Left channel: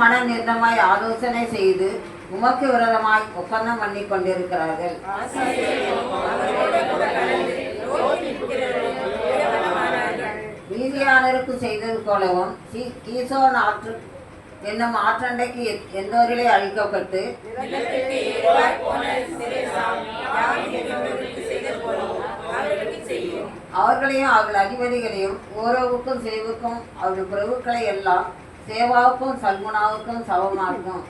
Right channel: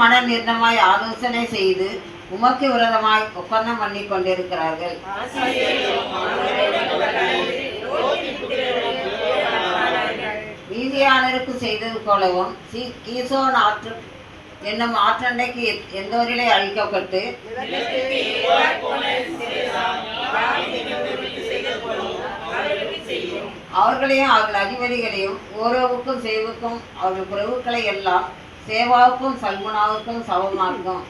மன நிர்ணயமாய் ஆலோசனை செய்து உமக்கு விரதமாய் ஒப்பந்தம் பண்ணி கொண்டிருக்கிறார்கள். மீதியானருக்கு செய்தது போலவும் கீசோன் ஆற்று என்னும் ஆற்றண்டைக்கு எந்தோரிலே அழிக்கப்பட்டு அவர்களையும் அவர்கள் அதிபதிகளையும் ஓரோவுக்கும் சேவுக்கும் அவர்கள் பிரபுக்களை எல்லாம் சேவாவுக்கும் சல்முனாவுக்கும் சமமாக்கும்.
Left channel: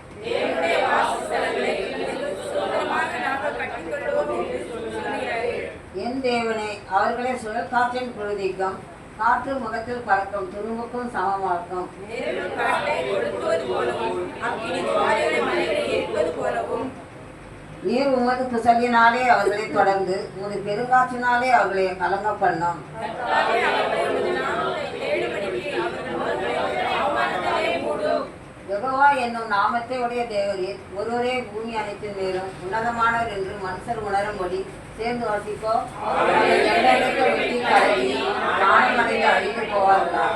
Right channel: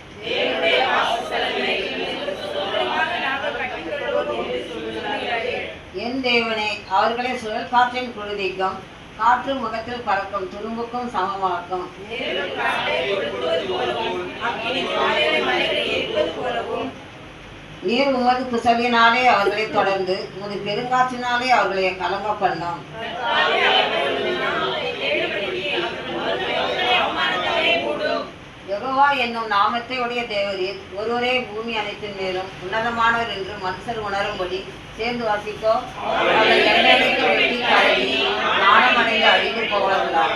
என் தேவனே, அவர்களை சுழல் காற்றின் குருதிக்கும் காற்று முகத்தில் பறக்கும் துரும்புக்கும் சமமாக்கும். நீர் உமது குசலினாலே அவர்களை தொடர்ந்து உமது பெருங்காற்றினாலே அவர்களை கலங்க பண்ணும். யெகோவா என்னும் நாமத்தை உடைய தேவரீர் ஒருவரே பூமி அனைத்தின் மேலும் உன்னதமானவர் என்று மனுஷர் உணரும்படி சேர்ந்து வாசிக்கோ. வெட்டி கலவி நாணமடைந்து அழிந்து போவார்களாக.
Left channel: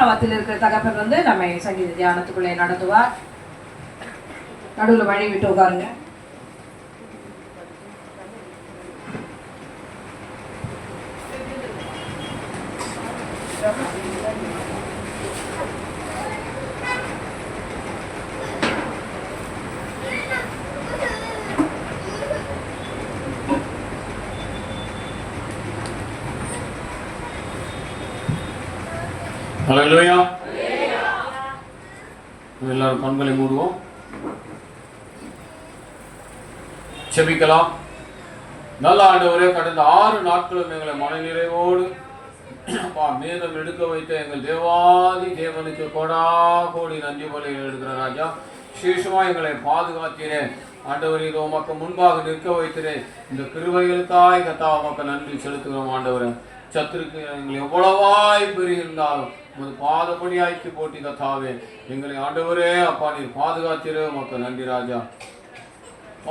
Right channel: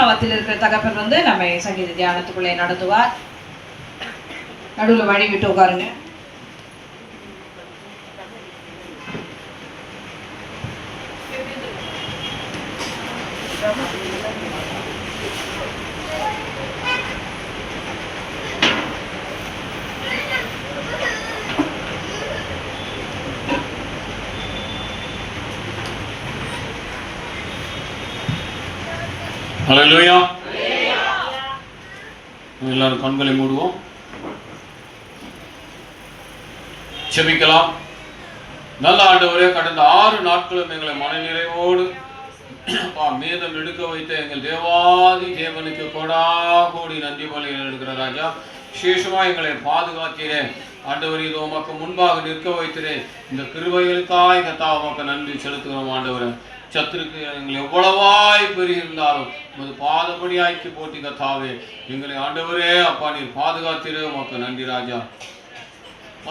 நம்மத்தில் இருக்கிற தகப்பன் நம்ம சங்கீத தியானத்துக்குள்ளே நடத்துவார். நடுவில் வழி விட்டு உட்காருங்க. ஹல்லேலூயா. எல்லாரும் கண்களை மூடுவோம், செபிக்கலாம். நல்ல ஆண்டவரே, கடந்த 6 நாட்களும் எங்களை மனநிறைவோடு மேதம் எடுக்க வைத்த எங்கள் தேவாதி தேவனுக்கு கொடா கோடி நன்றி பலிகள் எடுக்கிற ராஜா. விசேஷமா எங்களை பாதுகாத்தீரேன் ஆண்டவர். இதோ உமக்கு முன்பாக நிற்க வைத்திரேன். இந்த கிருபைகளுக்காய் கத்தா உமக்கு நன்றி செலுத்துகிறோம் ஆண்டவரே. சத்துருக்கு எங்களை எவ்வளவாய் பெருகிருந்தாலும் உமது பாதப்படியாய்க்கு போட்டி கத்தாவே எங்களை ஆண்டவரே அப்பா நீர் பாதுகாத்திரே உமக்கு நன்றி ராஜா.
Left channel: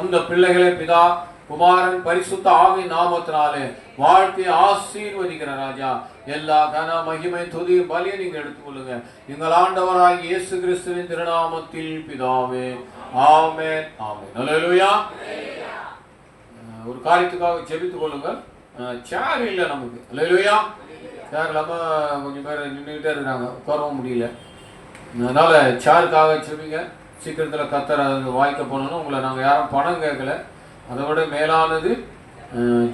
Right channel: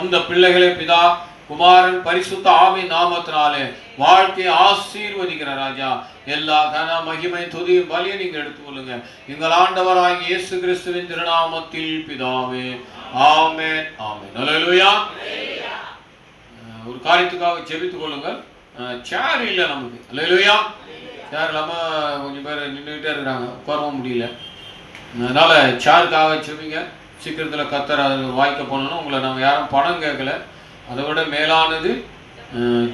அந்த பிள்ளைகளே பிதா குமாரன் பரிசுத்த ஆவியின் நாமத்தினாலே வாழ்க்கையை ஆசீர்வதிக்கிற ராஜா. எல்லா கன மகிமை துதியும் பலியை நீங்க எடுத்துக்கொள்ளுங்க எங்கள் ஆண்டவராகிய இயேசு கிறிஸ்துவின் திருநாமத்தில் பிதாவே, ஆமென் ஆமென். ஹல்லேலூயா. ஒரு காரியத்துக்காக ஜெபித்துக் கொள்ளுங்கள். சேர் இல்லை நமக்கு. ஹல்லேலூயா. சேர் இல்லாமல் கொஞ்சம் பேர் நின்றுக்கிட்டே இருக்கிறாங்க, உட்காரவும் முடியல. அதனால சேருக்காக ஜெபிங்க. சீக்கிரத்தில் கத்தர் அது வாய்க்க போனோம்னா உங்களை நாங்கள் யாரும் பணம் கேட்கல. அதை விட மேலானது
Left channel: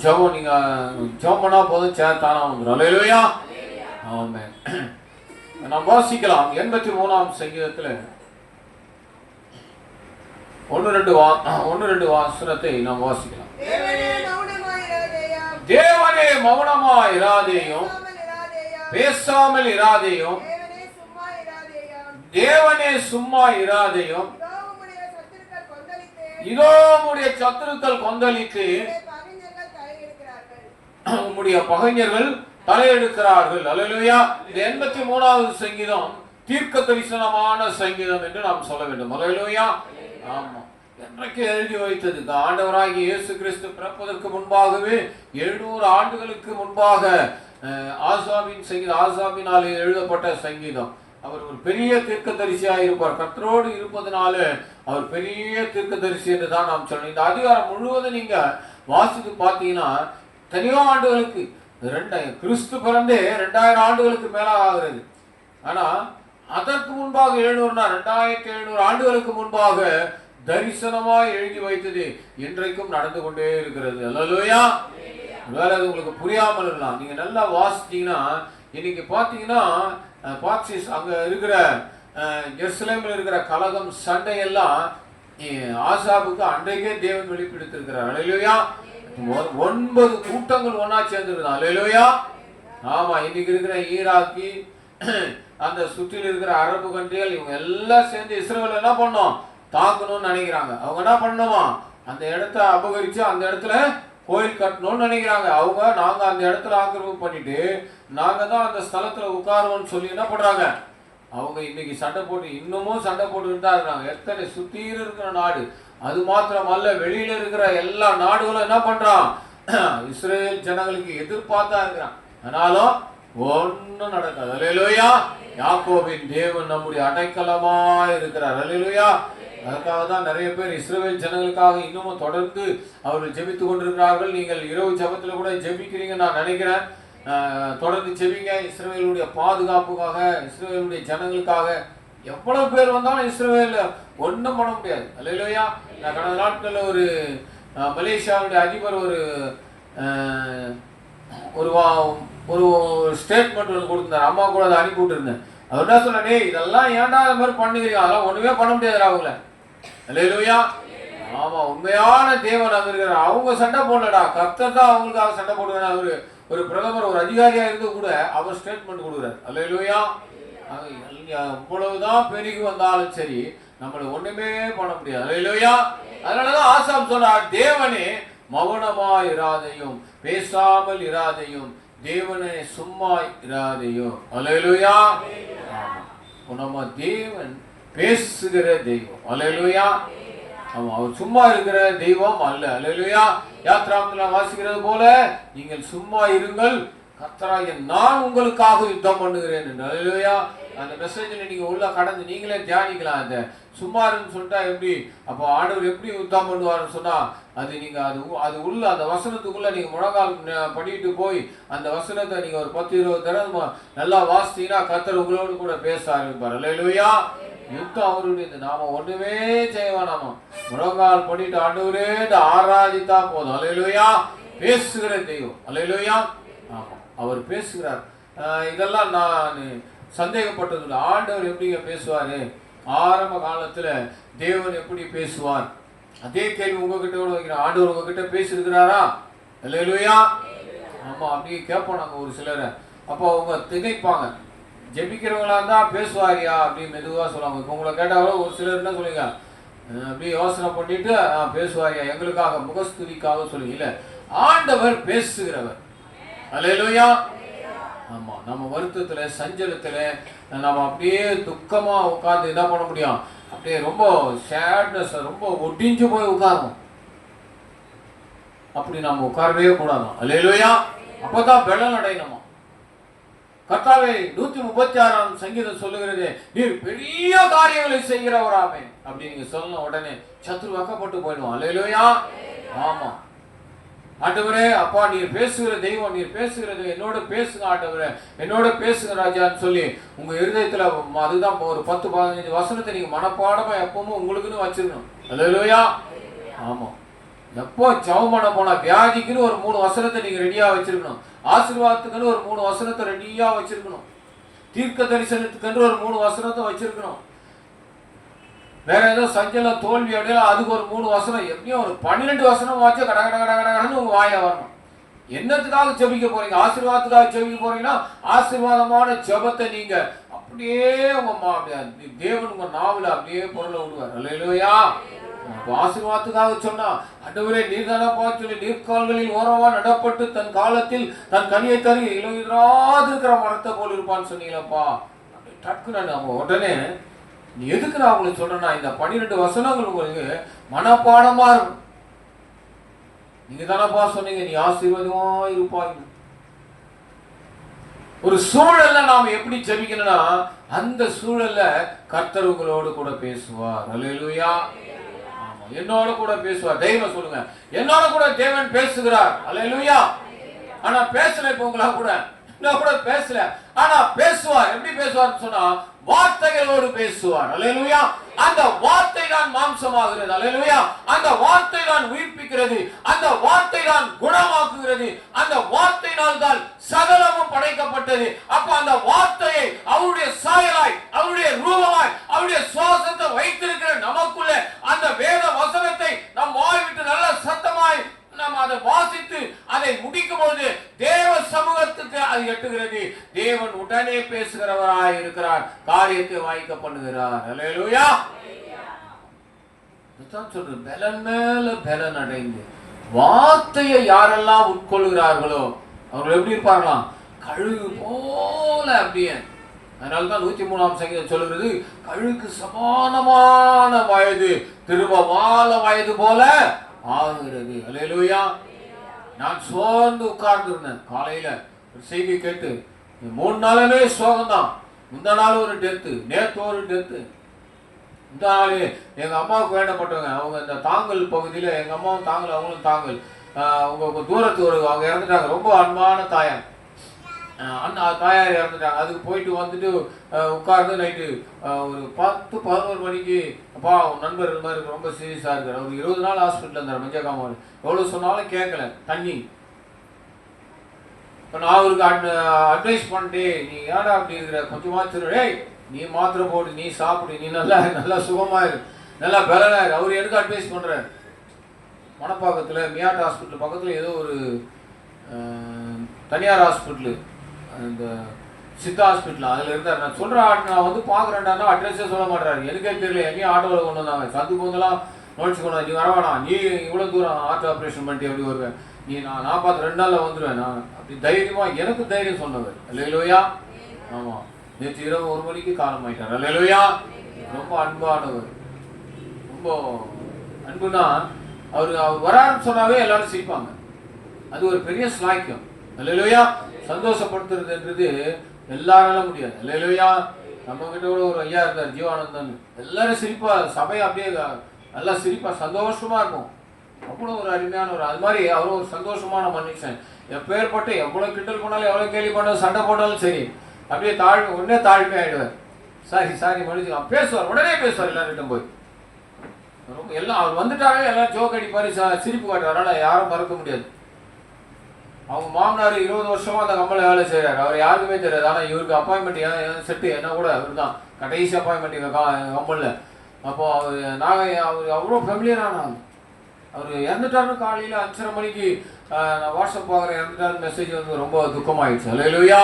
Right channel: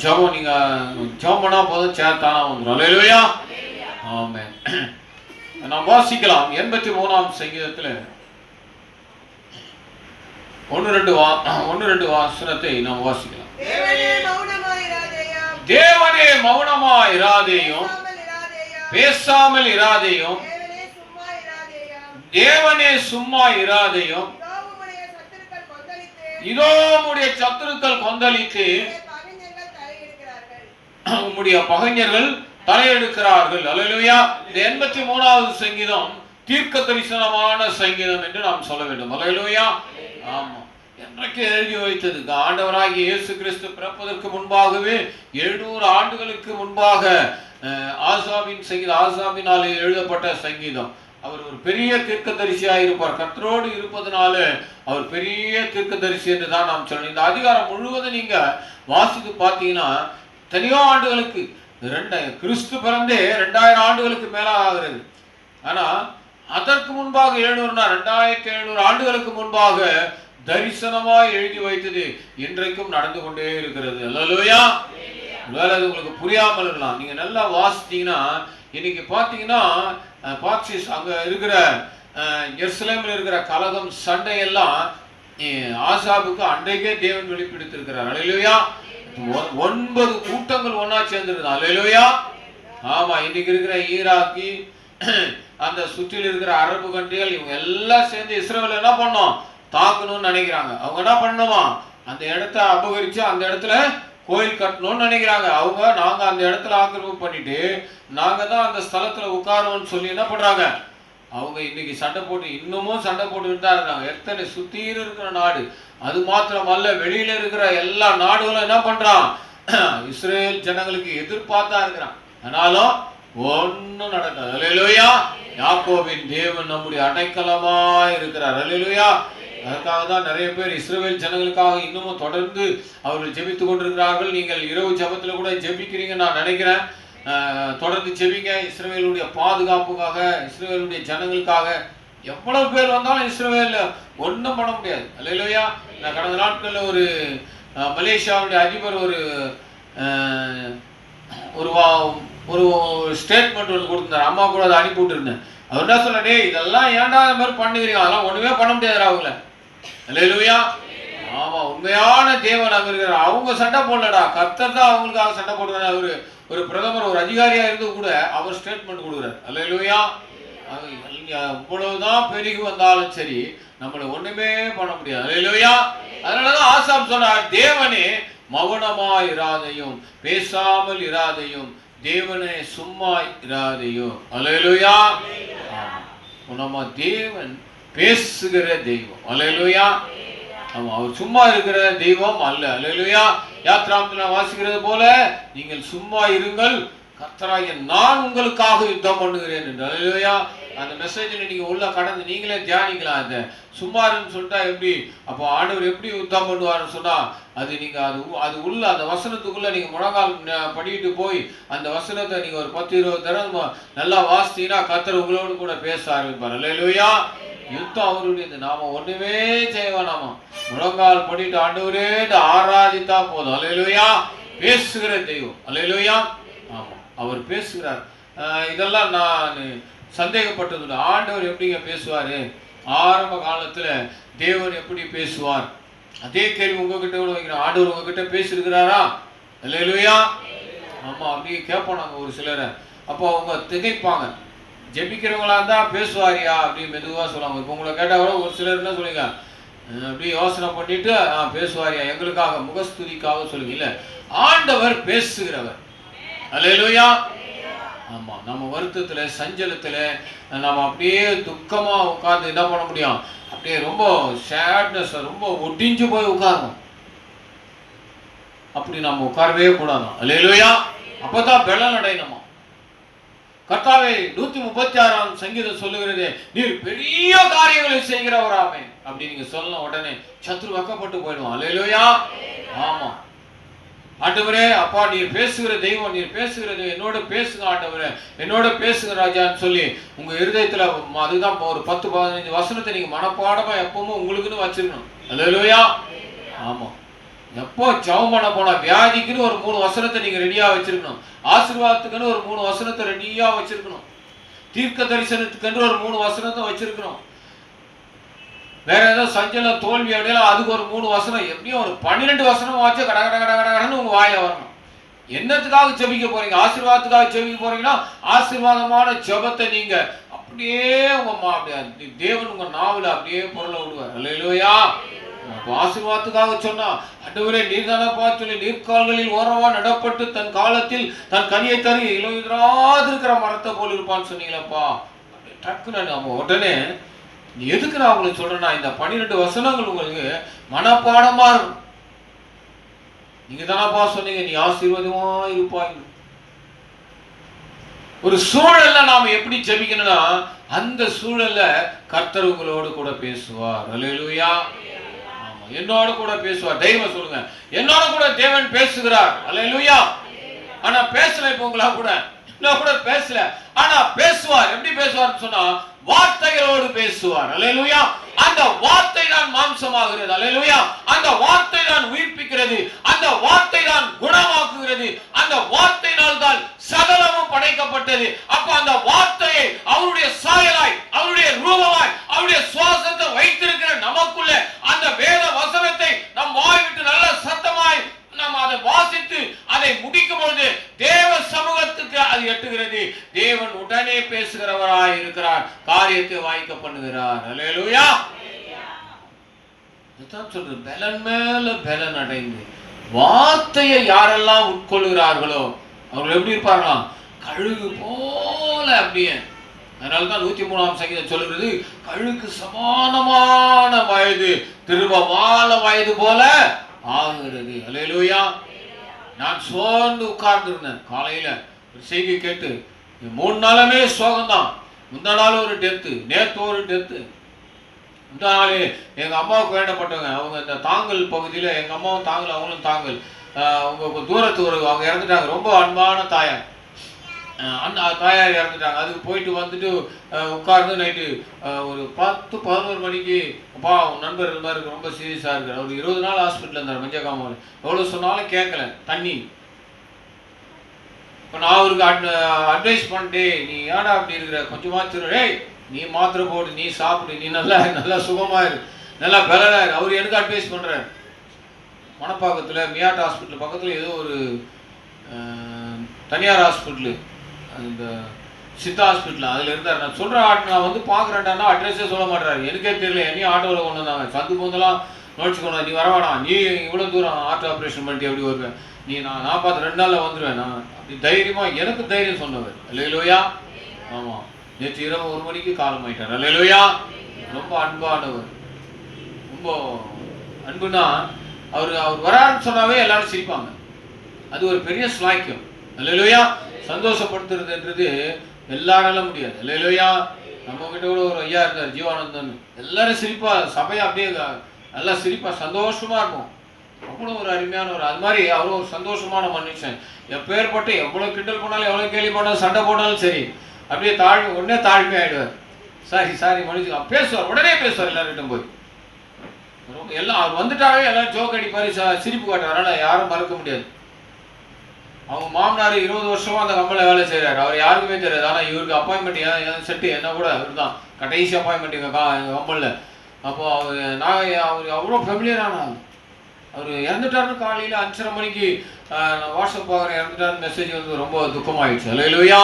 ஜெபம். நீங்கள் ஜெபம் பண்ணால் போதும், சேர் தானாக வந்துடும். ஹல்லேலூயா. ஆமென். நாம் வாசிக்கலாம் 83ஆம் சங்கீதத்தில் 1-2 வசனத்தை நாம் வாசிக்கலாம். தேவனே மௌனமாய் இராதேயும், பேசாமல் இராதேயும், தேவனே சும்மா இராதேயும், இதோ உம்முடைய சத்துருக்கள் கொந்தளித்து உம்முடைய பகைஞர்கள் தலையெடுக்கிறார்கள். ஹல்லேலூயா. இந்த 83வது சங்கீதம் தீர்க்க தரிசனமான சங்கீதம் என்று நாம் சொல்ல வேண்டும். ஹல்லேலூயா. ஆமா, என்றைக்கு எழுதி வைத்தது? ஆண்டவராகிய இயேசு கிறிஸ்து பிறப்பதற்கு முன்பாகவே 700 ஆண்டுகளுக்கு முன்பாக ஆசாபின் சங்கீதம், ஆசாபினால் எழுதப்பட்ட சங்கீதம். அவர் ஒரு பெரிய தீர்க்கதரிசியாக இருப்பார். கர்த்தரோடு இருப்பதனால அவர் பெரிய தீர்க்கதரிசி என்று தான் நாம் சொல்லணும். இந்த அதிகாரம் முழுவதும் நீங்க வாசித்து பார்த்தீங்கன்னா தனியோ ஆண்டுகளுக்கு கிறிஸ்து பிறந்தே 2000 ஆண்டுகளுக்கு மேல ஆகிறது. ஆனா அதற்கு முன்பாக 2700 ஆண்டுகளுக்கு முன்பாக தரிசனமாய் எழுதி வைத்தது இன்றைக்கும் நடந்து கொண்டே இருக்கிறது. ஹல்லேலூயா. வேலை அது உங்களுக்கு புரியாமல் இருக்கலாம். நீங்க நல்லா வாசித்தீங்கன்னா இன்னைக்கு பார்த்தீங்கன்னா பாக்சிஸ் அங்கே இருக்கிற எருசலேமில் இருக்கிற கலகம் சண்டையெல்லாம் ஆசாபுக்கு அன்றைக்கே தேவன் வெளிப்படுத்திருக்கிறார். ஹல்லேலூயா. 9 கூட்டங்கள் ஒன்னா சேர்ந்துருக்குது. ஹல்லேலூயா. ஆமா, இன்னைக்கு இருக்கிற ஈராக்கி அந்த சுற்றில் இருக்கிற அரபு கண்ட்ரிகள் இவங்க எல்லாம் சேர்ந்து இஸ்ரேல் என்ன பண்ணோம், தாக்கணும்னு நினைக்கிறாங்க. அவங்க என்ன பண்ணுமா, அந்த இடத்த அபகரிச்சு அந்த இடத்துல கோயில் கட்டணும்னு நினைக்கிறாங்க. நாங்க அந்த இடத்துல ஆக்கிரமிப்பு பண்ணிட்டு நாங்க தான் அந்த ஸ்தலத்துல உட்காருவோம்னு சொல்லி என்ன பண்றாங்க, அவங்க இன்னைக்கு சண்டை போட்டு இன்னமும் சண்டை போட்டுக்கிட்டு தான் இருக்காங்க. எத்தனை சுத்தீர் இருக்கிற நாடு, அது மாத்திரமல்ல வெளியில இருக்கிற எல்லா நாடுகளும் என்ன பண்றான், இஸ்ரேல் ஜனங்களுக்கு எதிர்பார்த்தா இருக்கிறான். ஆனாலும் ஒன்னும் நடக்காது. அல்லேலூயா. யாக்கோபின் தேவன் நம்முடைய அடைக்கலமாய் இருக்கிறார். அல்லேலூயா. அதற்காக தான் நிறைய பேர் இஸ்ரவேல் ஜனங்களுக்காக இன்னமும் தொடர்ந்து அவர்கள் ஜெபித்து கொண்டிருக்கிறார்கள். நீங்கள் இரவு ஜெபத்தில் கூட ஜெபிக்கிறீங்க நான் நினைக்கிறேன். தொடர்ந்து ஜெபிங்க. இஸ்ரவேலுடைய பாதுகாப்புக்காக, இஸ்ரவேலுடைய ஜனங்களுக்காக. எவ்வளவு பேர் வந்தாலும் இஸ்ரவேல் ஒன்றும் பண்ண முடியாது. அல்லேலூயா. நான் கடந்த நாட்களில் ஒரு மலேசியாவுடைய அதிபர் ஒரு ஸ்டேட்மெண்ட் ஒன்று கொடுத்துருந்தார். அம்மா கூட அதை அனுப்பி விட்டுருந்தேன். அவர் என்ன சொன்னே, இதெல்லாம் ஏன்டா அந்த மாதிரி பண்ணுகிறீங்க, அதெல்லாம் ஒண்ணுமே பண்ண முடியாது அவங்கள. அல்லேலூயா. ஆமா, உண்மையான தேவன் அங்க இருக்கிறார். அவங்க சண்டை போடலடா, கர்த்தர் தான் அவங்களுக்காக சண்டை போடுறாரு. அவரு ஒரு பிரதமர், ஒரு அதிகாரியா இருந்து கூட அவர் ஸ்டேட்மெண்ட் கொடுக்குறாரு. அல்லேலூயா. இவ்வளவுதான் பெருகி வந்தாலும் சரி, நம்மள ஒண்ணுமே பண்ண முடியாது. அல்லேலூயா. அதனாலதான் ஆசாப் சொன்னார், தேவனே மௌனமா இராதையும், பேசாமல் இராதையும், தேவனே சும்மா இராதையும். அல்லேலூயா. நம்ம தேவன் பேசுகிற தெய்வம். அல்லேலூயா. ஆமா, அவர் சும்மா இருக்கிற தெய்வம் அல்ல. அல்லேலூயா. யாத்ராமத்தில் வாசிக்கிறது போல, நீங்கள் சும்மா இருங்கள், கர்த்தராகிய நான் உங்களுக்காக யுத்தம் பண்ணுகிறேன் என்று. அல்லேலூயா. அந்த மெசேஜில் நீங்க உள்ள கடந்து நீங்களே தியானிக்கலாம். அந்த சும்மாருன்னு சொல்லிட்டா எப்படி, அப்போ ஆண்டவர் எப்படி யுத்தம் பண்ணுவார்னு சொன்னா, அது நீங்க அது உள்ள அந்த வசனத்துக்குள்ள நீங்க முழங்கால் படிட்டு போய் அந்த வசனத்தை நீங்க ஒரு 10-20 தடவை நல்லா வாசித்தீங்கன்னா கர்த்தர் உங்களோடு கூட பேச ஆரம்பிப்பார். அல்லேலூயா. யுத்தம் அவருடையது, நாம ஒண்ணுமே செய்ய வேணாமா, முழங்கால் படிட்டு ஆண்டவரே ஆராதித்தா போதும். அல்லேலூயா. பேசுகிற தெய்வம். அல்லேலூயா. ஆமா, அவர் பேசுகிறார். இதெல்லாம் நான் சந்தேகப்பட்டது. ஆண்டவர் எப்படிங்க பேசுவாரு, ஆரம்ப காலத்துல தேவன் எப்படி பேசுவார், அதே கேள்வி உங்ககிட்ட கூட வைக்கிறேன். ஆண்டவர் உங்ககிட்ட பேசியிருக்கிறாரா? அல்லேலூயா. ஆமா, அப்படியே கேட்போம் நாங்க ஒரு சிலரை. அப்போ அவங்க திகைப்பாங்க. ஜெபிக்கிறவங்களா இருந்தா பேசுவாரியா அப்படின்னு மெதுவா சொல்லுவாங்க. இப்போ உங்களை கேட்டா கூட ஒரு சிலர் என்ன சொல்லுங்க, அப்படியே யோசனை பண்ணிட்டு பேசுவாரியா, எங்களுக்காக முகஸ்துதிக்காக சொல்லுங்க. இல்ல, ஆண்டவர் பேசுகிறவர். அல்லேலூயா. ஆமா, நம்ம வருத்தத்துல சஞ்சலத்துல நம்ம அப்படியே துக்கமா உட்கார்ந்து என்ன பண்ண முடியும், அப்படியே ரொம்ப சேட்னஸ், ரொம்ப ஒட்டிஞ்சு போய் உட்காரணும். அப்படி நம்ம உட்காரவே கூடாது. அல்லேலூயா. அப்பதான் பலன் அடையணுமா. கர்த்தாவே 136ஆம் சங்கீதம் சொல்லுகிறது, நீர் பெரிய காரியங்களை செய்கிறவராமே அப்படி நீங்க சொல்லணும். உடனே சத்ரு வெக்கப்பட்டு போயிடுவான். அல்லேலூயா. ஆமா, ஆண்டவரே அப்பா நீர் பேசுகிற தெய்வம், நீர் பேசுகிறது, என்னோட பேசுங்க ஆண்டவரே, என்னோட பேசுங்க ராஜான்னு சொல்லி உங்க இருதயத்துல அதுதான் ஒரு 10-15 வசனத்தை நீங்க மனப்பாடமா எப்பவும் உங்களுக்குன்னு வச்சிருக்கணும். அல்லேலூயா. ஆமா, எப்போ ஜெபம் பண்ண போனா வியாதிக்குன்னு ஒரு 3 வசனத்தை நீங்க ரெடியா வச்சிருக்கணும். ஆசீர்வாதத்துக்குன்னு ஒரு 3 வசனத்தை ரெடியா வச்சிருக்கணும். தீர்க்க தரிசனத்துக்கு ஒரு 3 வசனத்தை வச்சிருக்கணும். வேற ஏதோ சஞ்சலம் தோல்வி அடையல அதுக்கு ஒரு 3 வசனம், எப்படியும் ஒரு 12 வசனம் வச்சு கட கட கட கடன்னு உங்க வாயில வரணும். என்னத்துக்காக ஜெபிக்க போறீங்க? ஆசீர்வாதத்துக்காக ஜெபிக்க போறீங்கன்னா ஆசீர்வாதமான ஜெபத்தை நீங்க அப்படியே உங்க தேவன் உங்க நாவல அப்படியே பொருளை விடுவார். அல்லேலூயா. ஆசீர்வாதத்துக்காக சொன்னா, ஆண்டவரே நீர்தானப்பா சொல்லி நீர்கால்களில் ஓரமா நடப்பட்டு தன் காலத்தில் தன் கனியை தரு இலையுதிராது இருக்கிற மரத்தை போல் இருப்பான்னு சொன்னீங்களப்பா. டக்குன்னு நம்ம உடனே நீ எதுக்கு நான் உங்களுக்கு சொல்றேன்னா, இந்த 12 வசனங்கள் உங்களுக்கு மனப்பாடமா இருக்கும். நீங்க தானப்பா சொன்னீங்க நீ ஆசீர்வாதமா இருப்பாய். ஒரு சூழல்ல நாம எப்படி ஜெபிக்கணும்னா, அந்த சூழல்ல கர்த்தர் உங்களோடு கூட பேசுவார். அல்லேலூயா. ஆமா, என்னோட கூட பேசுவார். தைரியமா சொல்லுங்க, என்னோட கூட தேவன் பேசுகிறார். அல்லேலூயா. ஆனா பேசல, இப்ப உங்களா கூட நான் கூட பேசல, ஆனா பேசுவார். எப்படி பேசுவார்னு சொன்னா, வார்த்தைகளோடு பேசுவார். அல்லேலூயா. அந்த வார்த்தை தான் மாம்சமாகிறது. அல்லேலூயா. அந்த வார்த்தை தான் உயிர்ப்பிக்கிறது. அந்த வார்த்தை தான் குணமாக்குகிறது. அந்த வார்த்தையினால் தான் சகலமும் படைக்கப்பட்டது. அப்ப அந்த வார்த்தையை அவருடைய சாயலாய், அவருடைய ரூபமாய், அவருடைய சுவாசத்தை வைத்திருக்கிற நமக்குள்ள அந்த வேத வசனத்தை நம் வாய் விட்டு நல்ல சத்தமாய் நாம் அதை வாசித்து அதை முடிக்கும் பொழுது தேவ சமூகத்துக்கு அது எட்டுகிறது. தேவன் உடனே பேசுகிறவராய் இருக்கிறார், காரியத்தை வாய்க்க பண்ணுகிறார். அல்லேலூயா. இதுதான் சொல்றது, பலன் மேல பலன் அடைந்து வார்த்தையை யாரெல்லாம் உட்கொள்கிறார்களோ அவர்கள் எப்படி இருப்பார்களாம், கழுகு போல. அப்படியே அதனால்தான் 103ஆம் சங்கீதம் சொல்லுகிறது, கழுகுக்கு சமானமான வயது திருவமால வயது போல ஆகிறது. அல்லேலூயா. நான் சோர்ந்து உட்கார்ந்து இருந்தேன், காலையில ஒரு செய்தி கேட்டு 3 நாளுமே சோகம்தான். முந்தா நாள் ஒரு டெத்து, நேற்று ஒரு டெத்து. முந்தா நாள் எங்கள் அம்மாவுக்கு வேண்டப்பட்டவங்க, அவங்க இந்த தாங்கல் பகுதியில், எங்கள் அம்மாவும் தாங்கல் அவங்களும் தாங்கல், அவங்க தூரத்து அவங்க இறந்துட்டாங்க. ரொம்ப அன்பான தாயார், அந்த தாயார் இறந்துட்டாங்க. அதுக்கு போயிட்டு வந்துட்டு உட்கார்ந்து நைட்டு ஒரு 10-11 மணிக்கு, அப்பா உன் நண்பர் இது மாதிரி ரொம்ப சீரியஸாக இருக்கார், ஒரு 20 நாள் ஹாஸ்பிட்டலில் இருந்தார் மஞ்சக்காமாவில். எவ்வளோ சொன்னாலும் கேட்கல, தண்ணி. இப்போ நான் அவருக்கு அட்வைஸ் பண்ணிட்டேன், நீ ஏடா அப்படி இருக்கிற, கொஞ்சமாக ஏய் நீ மாத்திரை போடு, நீ சாப்பிடு, நீ நல்லா சுகமாயிரு, நல்லா பலனாயிரு. அவர் எனக்கு அட்வைஸ் பண்ணுறார். மணப்பாக்கத்தில் மியாட் ஹாஸ்பிட்டல் பக்கத்தில் ஏதோ ஒரு தனியார் ஹாஸ்பிட்டலு, இந்த சித்தா ஹாஸ்பிட்டல், அதில் இருந்தார். நான் சொல்கிறேன், நான் வந்து பார்க்குறேன்டான்னா அட்ரஸே சொல்ல மாட்டேறாரு. எனக்கே தெரியல, என்னையும் ஆட்டோவில் கொண்டு வந்தாங்க, சந்து போந்தெல்லாம் நோட்ஸ் கொண்டு நீ வரவானா, நீ இவ்வளோ தூரம் ஆட்டோ ஆப்ரேஷன் பண்ணிட்டு எப்படி வருவேன், நான் பார்த்து 2 நாளில் வந்துடுவேன் நான் அப்படி தைரியமாக, எனக்கு தைரியம் சொன்னவர். அல்லேலூயா. ஆமாம், நேற்று இரவு 1 மணிக்கு காலம் ஆயிட்டார். அல்லேலூயா. ரொம்ப அன்பானவர், ரொம்ப அன்புனா அவர் வராருன்னு சொன்னாவே எல்லாரும் சிரிப்பாங்க. அது ஒரு பெரிய ஸ்லாக்கியம். அல்லேலூயா. சந்தோஷப்படுத்துறதுன்றது எல்லாரால முடியாது. அல்லேலூயா. நம்ம கிட்ட கூட ஒரு ஐயா இருந்தார், ஜீவானந்தன். எல்லாரும் சிரிப்பா, சபையை அப்படியே நல்லா சிரிப்பா சந்தோஷமா இருக்கும். அவ்வளோ ஒரு அருமையான அது மாதிரி அவ்வளோ ஒரு சந்தோஷமான மனுஷன். எப்பேற்பட்டு எவ்வளோ கிண்டல் பண்ணாலும், எவ்வளோ கேள்வி பண்ணாலும், சண்டை போட்டாலும் சரி, அப்படியே உடனே தாழ்மை ஆயிடுவார். சாரி மனுஷன் பேசுவார், உடனே பேசுவார் எல்லார்கிட்டும் போய். ரொம்ப எல்லாம் அவர் வந்துட்டாவே எல்லாரும் ஜோக் அடிப்பாரு, சிரிப்பு காட்டுவார். அதனால் யாரும் மறக்க முடியாது. அவங்க மாமனார் 20 வருஷமா அந்த கம்பெனியில் வேலை செய்கிறார். அவர் யாருக்குமே தெரியாது. ஆனால் இவருக்கு அப்பாயின்மெண்ட் செட்டு என்ன கூட அவர் தான் கடைசி அப்பாயின்மெண்ட் எங்கள் கம்பெனியில். அப்போது அவர் அவ்வளோ ஃபெமிலியரான ஆள். அவர் இறந்துட்டாருன்னு காலையில் 5:30 மணிக்கு நான் வாட்ஸ்அப் பார்க்குறேன், இறந்துட்டாருன்னு மெசேஜ் வந்து ரொம்ப துக்கமாயிடுச்சு. அல்லேலூயா.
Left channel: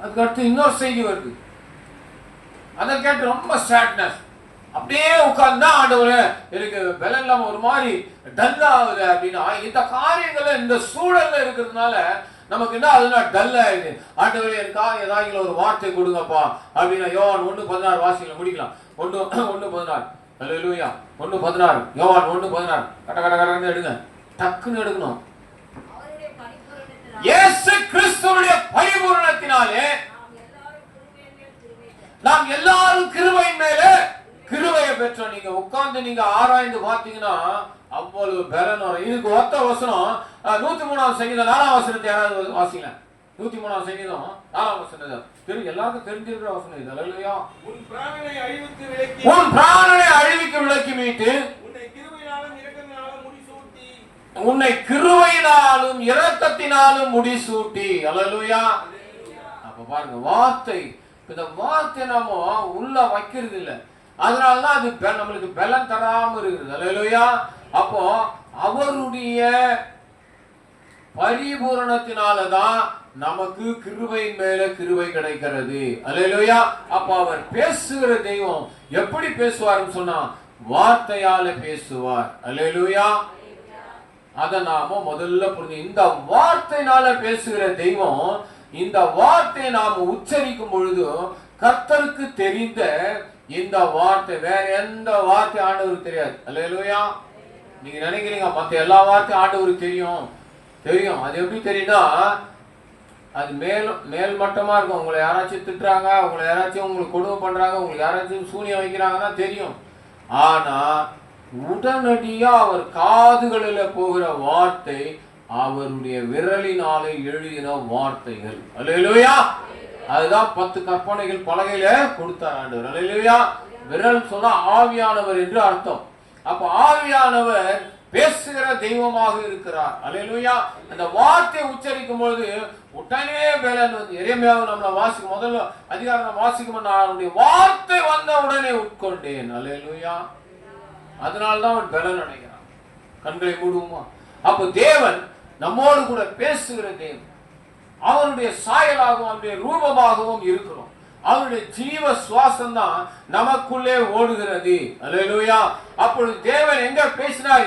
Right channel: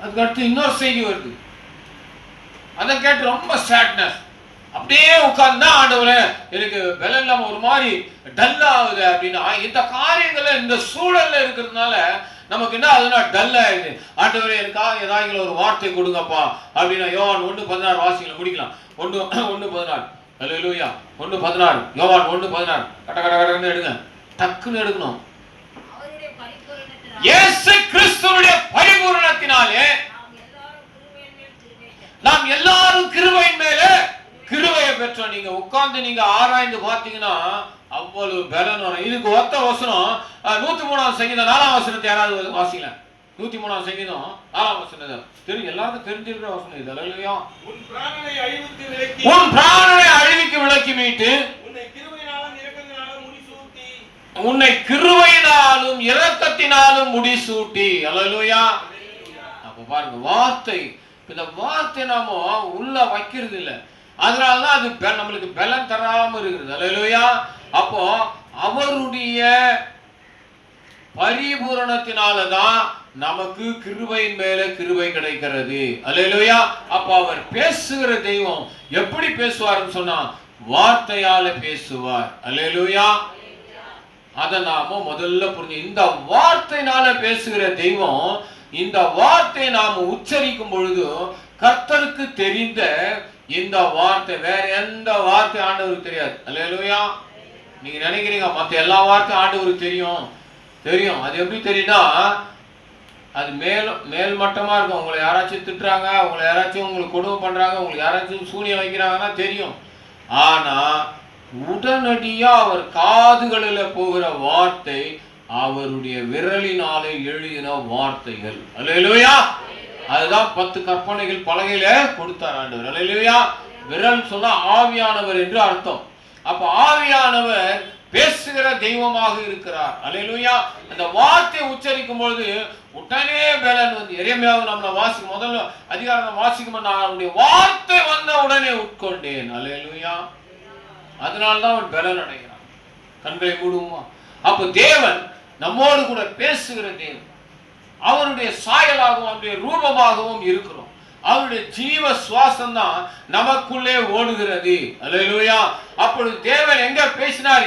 அதுக்கு அடுத்து இன்னொரு செய்தி வருது, அதை கேட்டு ரொம்ப சேட்னஸ். அப்படியே உட்கார்ந்தா ஆண்டவரே எனக்கு பலம் இல்லாம ஒரு மாதிரி டல் ஆகுது அப்படின்னா, இந்த காரியங்களை இந்த சூழல்ல இருக்கிறதுனால நமக்கு என்ன ஆகுதுன்னா டல் ஆயிடுது. ஆண்டவரே எனக்காக ஏதாவது ஒரு வார்த்தை கொடுங்கப்பா அப்படின்னா, யோவான் 1:16 வாசிக்கல முடிக்கலாம். 1:16. அல்லேலூயா. 1:16. யோவான் 1:16. கட எடுங்க, டக்குன்னு எடுக்கணும். இயேசு கிறிஸ்துவுடைய பரிபூரணத்தினாலே நாம் எல்லாரும் கிருபையின் மேலே கிருபையை பெற்றோம். நீங்க உட்கார்ந்து நீங்க ஆராய்ந்து பார்த்தீங்கன்னா அவ்வளவு பலன் வரும். இதுக்கு ஒத்த வசனம் 103ஆம் சங்கீதம் 4ஆம் வசனத்தை யாராவது வாசிக்கலாம். 103ஆம் சங்கீதம் 4ஆம் வசனம் தெரியும், எல்லாருக்கும் தெரிஞ்சிருக்கிற வசனம் இது. அல்லேலூயா. உன் பிராணனை அழிவுக்கு விலக்கி மீட்டு உன்னை கிருபையினாலும் இரக்கத்தினாலும் முடிசூட்டி. அல்லேலூயா. அப்ப பாருங்க, வார்த்தை, இந்த வார்த்தை நாம உள்ள வைக்கிறது இல்லை, அதனாலதான் அது நம்மளுக்கு பலன் தராம இருக்குது. அல்லேலூயா. அப்போ அவருடைய பரிபூரணத்தினாலதான் நமக்கு கிருபையின் மேல கிருபை கிடைக்கிறது. அல்லேலூயா. அப்ப அவர் பேசுகிற தெய்வம் எப்படி பேசுவார்னு சொன்னா வார்த்தையால பேசுவார். அல்லேலூயா. அதை நாம முதல்ல புரிஞ்சு, இந்த வார்த்தையினால பேசுகிற தெய்வம், இந்த வார்த்தையை நாம உச்சரிக்கும் பொழுது கர்த்தருக்கு தெரிந்த இந்த வார்த்தை, வேற எந்த வார்த்தை ஆண்டவருக்கு தெரியாது. அல்லேலூயா. நீங்க நினைக்கிறீங்க மற்ற எல்லா வார்த்தையும் ஆண்டவருக்கு தெரியும். அது எப்படி தெரியும்னா, அது மேல் மட்டமா இருக்கும். உங்களை யாராச்சும் திட்டுறாங்க, உங்களை யாராச்சும் உங்களுக்கு கொடுமை பண்றாங்க, உங்களுக்கு யாராச்சும் சூனியம் வைக்கிறாங்கன்னா தெரியும். ஆனா உடனடியா அவர் காதுகளில் போகிற வார்த்தை அவருடைய விரலினாலே எழுதின வார்த்தைகள். அல்லேலூயா. அதுதான் 10 கற்பனைகள் பலகையில கொடுத்தார் ஆண்டவர். அல்லேலூயா. விரல் சொன்னா ஆவியானவர் என்று அர்த்தம். அப்ப ஆவியானவர் பேசுகிற தெய்வமாக இருக்கிறார். அல்லேலூயா. அந்த வார்த்தை உச்சரிக்கும் பொழுது உடனே பலன் வந்து, எரேமியாவை நம்மள வாசிக்கும் முதல்ல அதிகாரம் வாசிக்கும், நான் அவருடைய வார்த்தை வந்த உடனே உட்கொண்டேன். அல்லேலூயா. அதனால்தான் அவன் பலன் அடைகிறான். கண்களை மூடுவோமா? அப்ப தேவன் நம்மோடு கூட பேசுகிற தேவன், அவருடைய சாயலாகவும் அவருடைய ரூபமாகவும் இருக்கிறோம். அவருடைய ஜீவ சுவாசம் தான் நமக்குள்ளே ஓடுகிறது. அல்லேலூயா. அப்பொழுது தேவன் எங்க பேசினார்,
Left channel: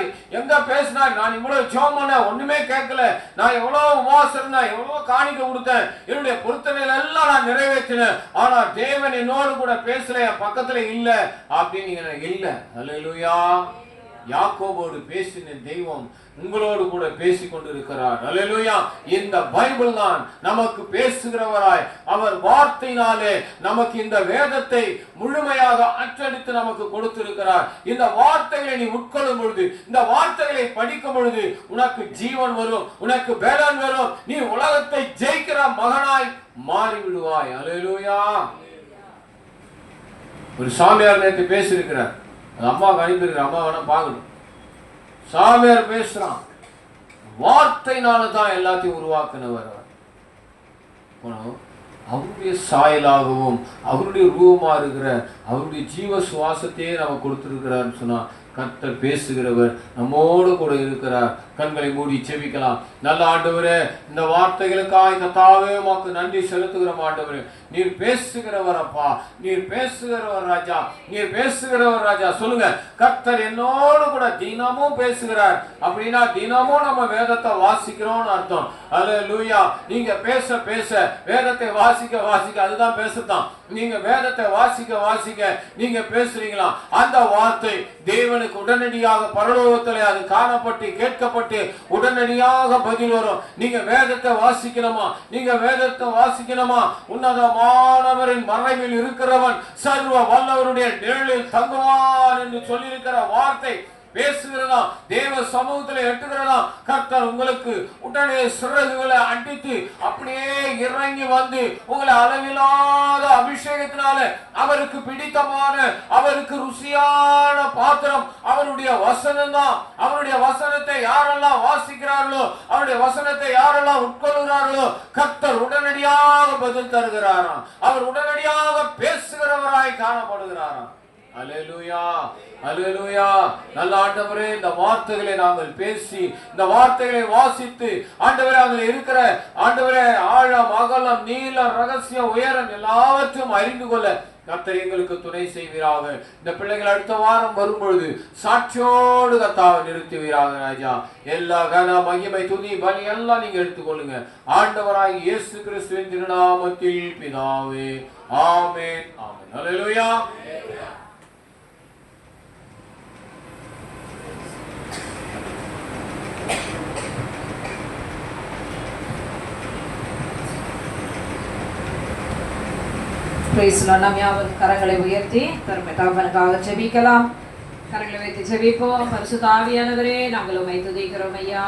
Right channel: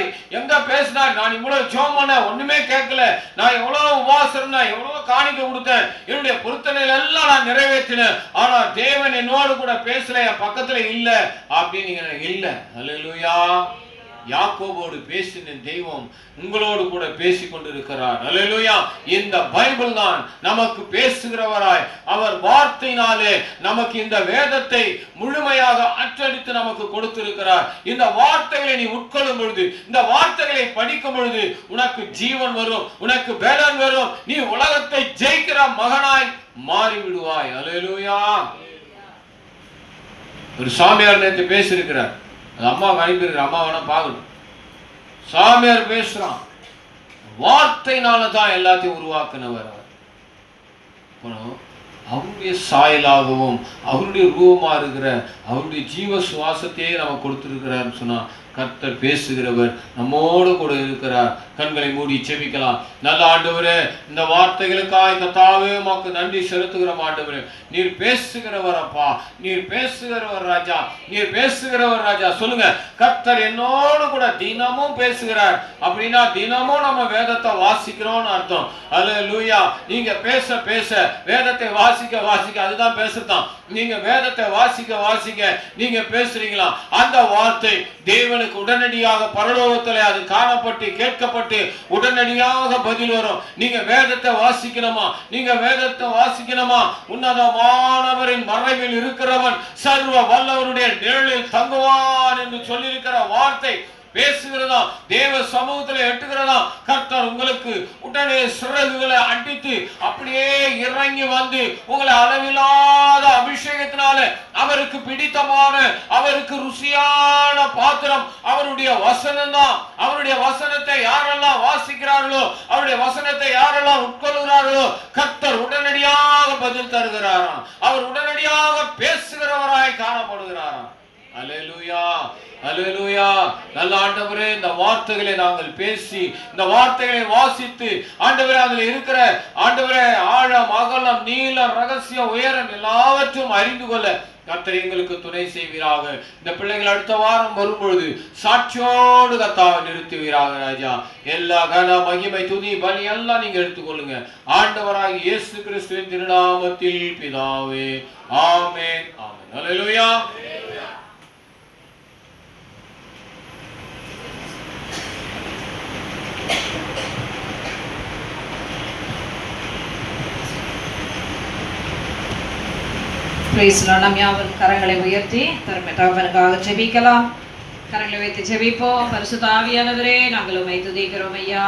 நான் இவ்வளவு ஜெபம் பண்ண ஒண்ணுமே கேட்கல, நான் எவ்வளவு உபவாசம், எவ்வளவு காணிக்க கொடுத்தேன், என்னுடைய பொருத்தனைகள் எல்லாம் நான் நிறைவேற்றினேன், ஆனா தேவன் என்னோடு கூட பேசல, என் பக்கத்துல இல்ல அப்படின்னு இல்ல. அல்லேலூயா. யாக்கோபோடு பேசின தெய்வம் உங்களோடு கூட பேசி கொண்டிருக்கிறார். அல்லேலூயா. இந்த பைபிள் தான் நமக்கு பேசுகிறவராய், அவர் வார்த்தையினாலே நமக்கு இந்த வேதத்தை முழுமையாக அச்சடித்து நமக்கு கொடுத்திருக்கிறார். இந்த வார்த்தைகளை நீ உட்கொள்ளும் பொழுது, இந்த வார்த்தைகளை படிக்கும் பொழுது உனக்கு ஜீவன் வரும், உனக்கு பலன் வரும், நீ உலகத்தை ஜெயிக்கிற மகனாய் மாறிவிடுவாய். அல்லேலூயா. ஒரு சாமியார் நேற்று பேசியிருக்கிறார், அது அம்மாவுக்கு அனுப்பியிருக்கிற, அம்மா வேணா பார்க்கணும். சாமியார் பேசுறான், வார்த்தையினால தான் எல்லாத்தையும் உருவாக்குனவர் அவர். அவருடைய சாயலாகவும் அவருடைய ரூபமா இருக்கிற அவருடைய ஜீவ சுவாசத்தையே நமக்கு கொடுத்திருக்கிறார் சொன்னா, கர்த்தர் பேசுகிறவர் நம்மோடு கூட இருக்கிறார். கண்களை மூடி செபிக்கலாம். நல்ல ஆண்டவரே, இந்த வார்த்தைகளுக்காக கர்த்தாவே உமக்கு நன்றி செலுத்துகிறோம். ஆண்டவரே, நீர் பேசுகிறவர் அப்பா, நீர் பேசுகிறவர் ராஜா, நீர் பேசுகிறவர் ராஜா. சொல்லுங்க, கர்த்தர் என்னோடு கூட தினமும் பேசுகிறார். அப்படின்னா தினமும் நம்ம வேதத்தை வாசிக்கிறோம்னு அர்த்தம். அல்லேலூயா. நீங்க பேச பேச வேதத்தை வாசிக்க வாசிக்க, அதுதான் பேசுறதான். நீங்க வேதத்தை வாசிக்க வாசிக்க நீங்க பேசுறீங்களா, அந்த வார்த்தை தேவனுக்கு உடனடியாக பரலோகத்தில் அது காணப்பட்டு கேட்கப்பட்டு உடனடியாக பதில் வரும். நீங்க வேதத்தை வாசிக்கணுமா, நீங்க வேதத்தை வாசிக்கணுமா, உன்னதமானவரின் மறைவில் இருக்கிறவன் சர்வ வல்லவருடைய நிழலில் தங்குவான் என்று சொல்லியிருக்கிற வார்த்தை பேசுகிறதா, தேவ சமூகத்தில் எட்டுகிறதா. கர்த்தர் உங்களுக்கு உடனே சிறகுகளை அடித்து அப்படியே இறங்கி வந்து உங்களை அளவில்லாத அபிஷேகத்தினால அவருக்கு பிடித்தமான, அவருக்கு ருசியான பாத்திரம் அவருடைய வசனம் தான். அவருடைய வசனத்தை யாரெல்லாம் வாசிக்கிறார்களோ, அவருடைய வசனத்தை யாரெல்லாம் உட்கொள்கிறார்களோ, கர்த்தர் உடனடியாக பதில் தருகிறாராம். அவர் உடனடியாக பேசுகிறவராய் காணப்படுகிறாராம். அல்லேலூயா, அல்லேலூயா. நல்ல ஆண்டவரே, இந்த வார்த்தைகளை நாங்கள் பேசி, இந்த வார்த்தைகளை வாசித்து, ஆண்டவரே அதில் இருக்கிற ஆண்டவரே ஆழம், அகலம், நீளம், ரகசியம், உயரம் எல்லாவற்றையும் அறிந்து கொள்ள கர்த்தர் எங்களுக்கு துணை செய்வீராக. இந்த பிள்ளைகள் அடுத்த வாரம் வரும்பொழுது சாட்சியோடு கர்த்தாவை நிறுத்துவீராக ராஜா. எல்லா கன மகிமை துதி பலி எல்லாம் நீங்க எடுத்துக்கொள்ளுங்க. ஆண்டவராகிய இயேசு கிறிஸ்துவின் திருநாமத்தில் பிதாவே, ஆமென், ஆமென். அல்லேலூயா. நாம் யாவரும் கரங்களை உயர்த்தி தகப்பனுக்காக ஜெபிக்கலாம். கரங்களை உயர்த்தி ஜெபிப்போம். பரிசுத்த ஆவியானவரே, நாங்கள் உம்மை துதிக்கிறோம் ஐயா.